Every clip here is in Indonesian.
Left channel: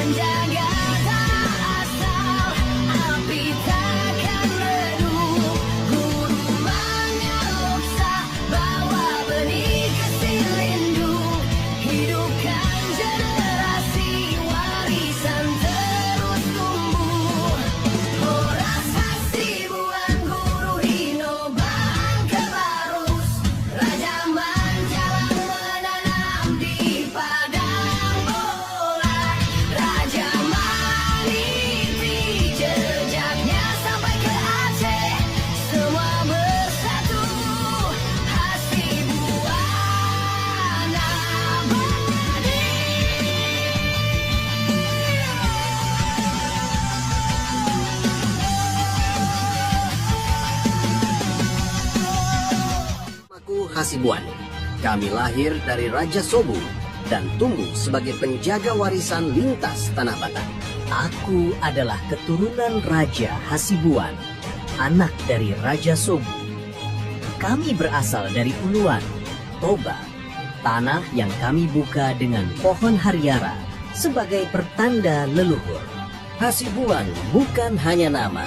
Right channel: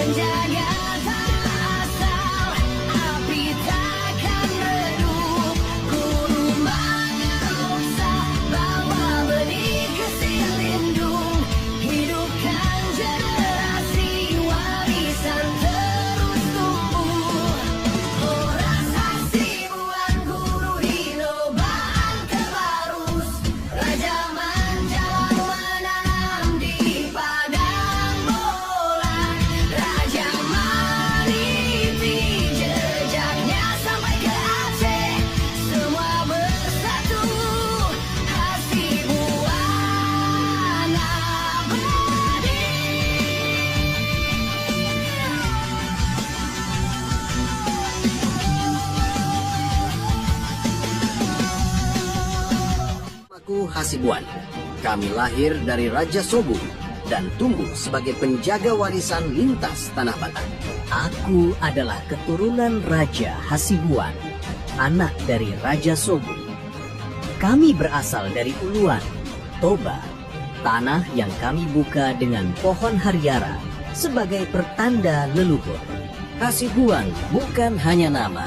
menjaga tanah asal, api takkan redup. Guru mengaruksa, bawa benih ke Silindung, hidupkan generasi, warisan terus tumbuh. Horas Hasibuan, guru Hinobaan Kebarus, Raja Manjalang menanam di padang bola. Raja Mariti, jejaknya sampai ke Aceh, semua bersatu, Hasibuan abadi. Aku Hasibuan. Kami lahir dari Raja Sobu dan tumbuh sebagai penjaga warisan lintas Tanah Batak. Aku adalah keturunan Raja Hasibuan, anak dari Raja Sobu. Kami berasal dari Uluan, Toba, tanah yang kami buka dengan pohon hariara sebagai pertanda leluhur. Hasibuan bukan hanya nama,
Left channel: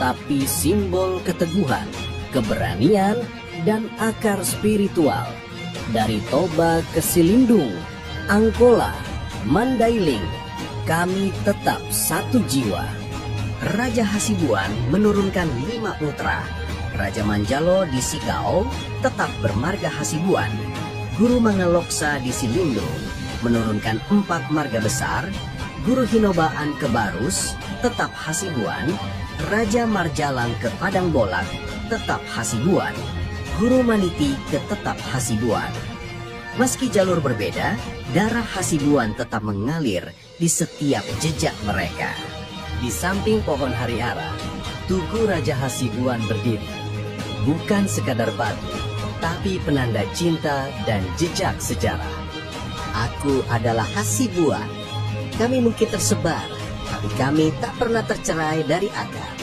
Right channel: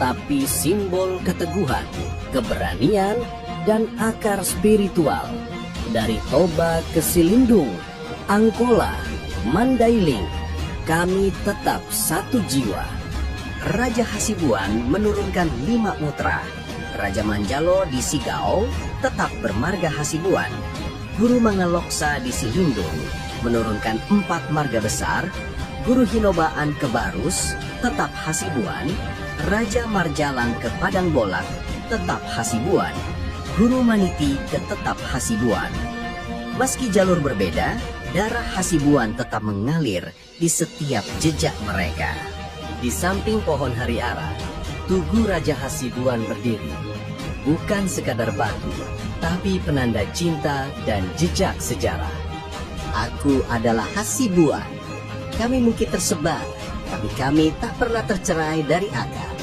tapi simbol keteguhan, keberanian, dan akar spiritual. Dari Toba ke Silindung, Angkola, Mandailing, kami tetap satu jiwa. Raja Hasibuan menurunkan 5 putra. Raja Manjalo di Sikau tetap bermarga Hasibuan. Guru Mangaloksa di Silindung menurunkan 4 marga besar. Guru Hinobaan ke Barus tetap Hasibuan. Raja Marjalang ke Padang Bolak tetap Hasibuan. Guru Maniti tetap Hasibuan. Meski jalur berbeda, darah Hasibuan tetap mengalir di setiap jejak mereka. Di samping pohon hariara, tugu Raja Hasibuan berdiri. Bukan sekadar batu, tapi penanda cinta dan jejak sejarah. Aku adalah Hasibuan. Kami mungkin tersebar, tapi kami tak pernah tercerai dari akar.